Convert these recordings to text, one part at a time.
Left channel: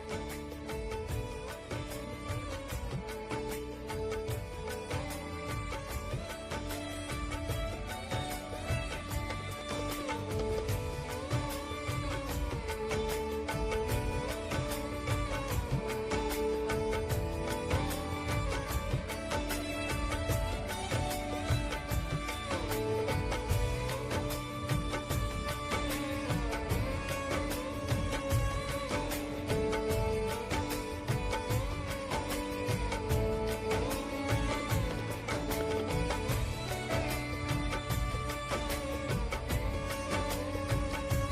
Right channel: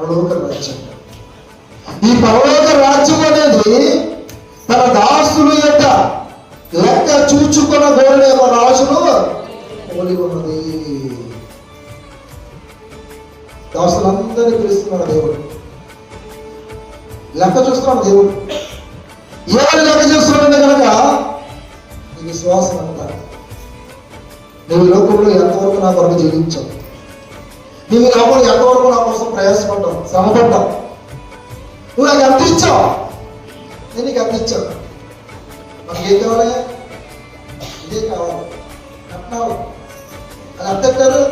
పరలోక రాజ్యం. ఈ పరలోక రాజ్యం అనేది తన దాసులు యొక్క లెక్క చూచుకున్న ధోరణి ఒక రాజును పోలి ఉన్నది. దాసులందరినీ పిలుస్తున్నాడు దేవుడు. లెక్క చూస్తున్నాడు దేవుడు. ఎవరు లెక్క చూస్తున్నాడంటే కనుక నీ విశ్వాసం అంటారు నువ్వు లోకంలో ఎంతవరకు నా కొరకు జీవించావు? నువ్వు ఈ ఎంతవరకు నా కోసం ప్రయాసపడ్డావు శ్రమపడ్డావు నువ్వు నాకు ఎంత ఇచ్చావు? నేను నీకు ఎంత ఇచ్చాను? మనకి ఏం కావాలి? ఇదే కావాలి. అంటున్నావు. అది ఎంత అంటారు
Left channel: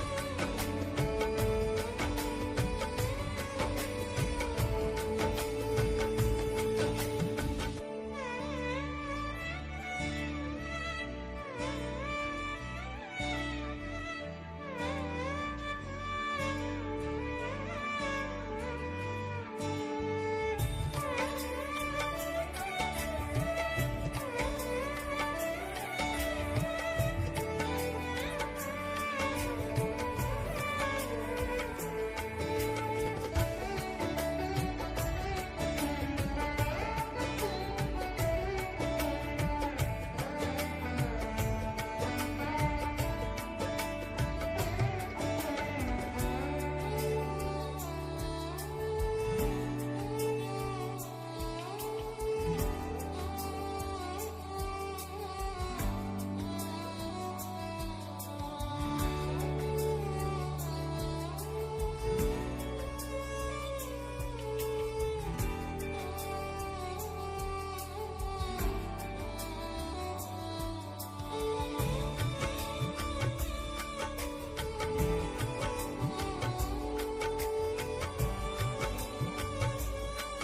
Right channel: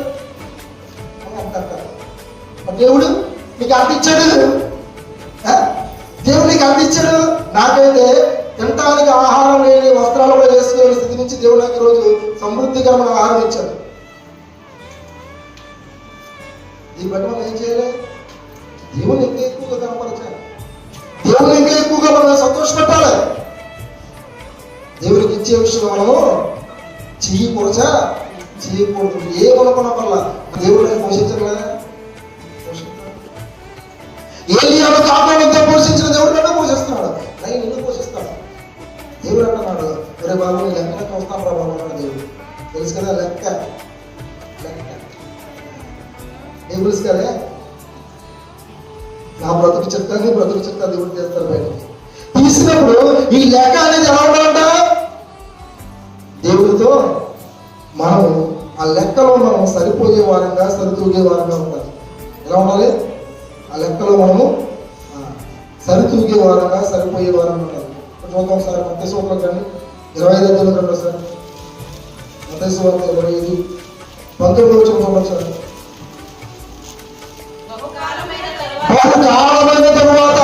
అంత అంటారు దేవుడు నీకు అంత ఇచ్చాడు? దేవుడు నీకు అంత ఇచ్చాడు? నాకైతే తినటానికి ఆహారం లేని వస్త్రాలు కూడా వేసుకునే స్థితి నుంచి దేవుడు నాకు రోజు సమృద్ధికరమైన ఆహారం ఇచ్చాడు. దీన్ని బట్టి మనం ఏం చేయాలి? దేవుని ఇంకా ఎక్కువగా కనపరచాలి. దేవుని ఇంకా ఎక్కువగా మనం సంతోషపెట్టాలి. దేవునికి ఇచ్చే విషయం మనము చేయకూడచా చేయకూడదు చెయ్యి పొరచు ఏమనుకున్న వల్ల దేవుడు నన్ను పోషించడు. కదా ఏలియాను కాపాడంతో పోషించిన దేవుడు నన్ను పోషిస్తున్నాడు. నేను నిన్ను పోషిస్తాడు దేవుడు అన్నమాట ఒరే బాబు లెక్క లెక్కన చూస్తాను బాబు అన్నాడు దేవుడు. తెలుసు కదా లెక్క. ఏం తెలుసు కదా నా బ్రతుకు చెప్తాను నీ బ్రతుకు చెప్తా దేవుడు చేస్తాడు బయట తీసినప్పుడు ఈ లేఖ అనేది ఎలా ఉండాలంట? దేవుడితో మనం ఆ లెక్కలో మనం సరిపోయే వారంగా సరితూగే వారంగా ఉండాలి. ఎలా ఉండాలి? ఆ లెక్కలో మనము సరితూగే వారంగా సరిపోయే వారంగా ఉండాలి. చూద్దాం సార్ మధ్య సూత్రం కానీ ఇరవై ఐదు వందలు కంటే సార్. మధ్య సూత్రం ఇరవై ఐదు. పంతొమ్మిది వచ్చిన సార్. బహు కాలమైన తరువాత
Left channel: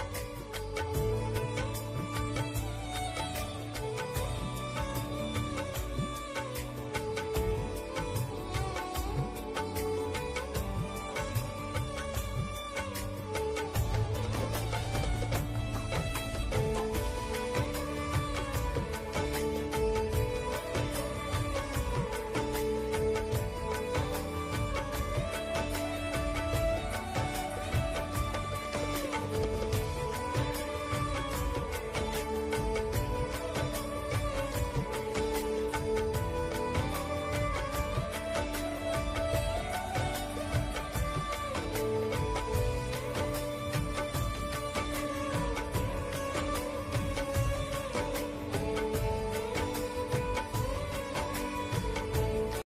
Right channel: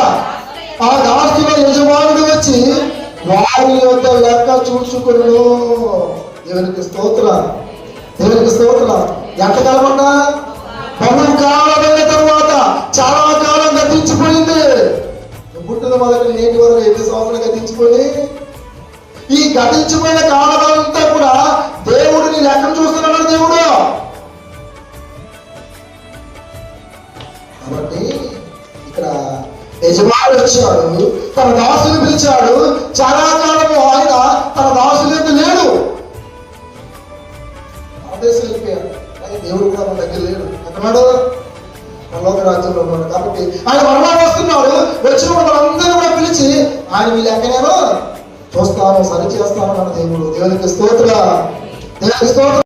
ఆ దాస్తుల యజమానుడు వచ్చి వారి యొక్క లెక్క చూసుకుని దేవునికి స్తోత్ర దేవునికి స్తోత్ర ఎంతకాలం అంట బహు కాలమైన తరువాత చాలా కాలం గతించిపోయింది. పుట్టిన మొదటి నేటి వరకు ఎన్ని సంవత్సరాలు గతించిపోయి? ఈ గతించిపోయిన కాలం అంతా కూడా దేవుడిని లెక్క చూస్తున్నాడు దేవుడు. కాబట్టి వాడు వచ్చాడు తన దాసుని పిలిచాడు. చాలా కాలము ఆయన తన దాసుల యొక్క లేడు. దేవుడు కూడా మన దగ్గర లేడు. అంటున్నాడు పరలోక రాజ్యంలో ఉన్నాడు. కాబట్టి ఆయన మరణాలు వస్తున్నాడు. వచ్చినప్పుడు మనందరూ కూడా పిలిచి ఆయన వీళ్ళు ఎక్కడేనో చూస్తాను సరి చేస్తాను మన దేవుడు. దేవునికి స్తోత్ర. దేవునికి స్తోత్ర.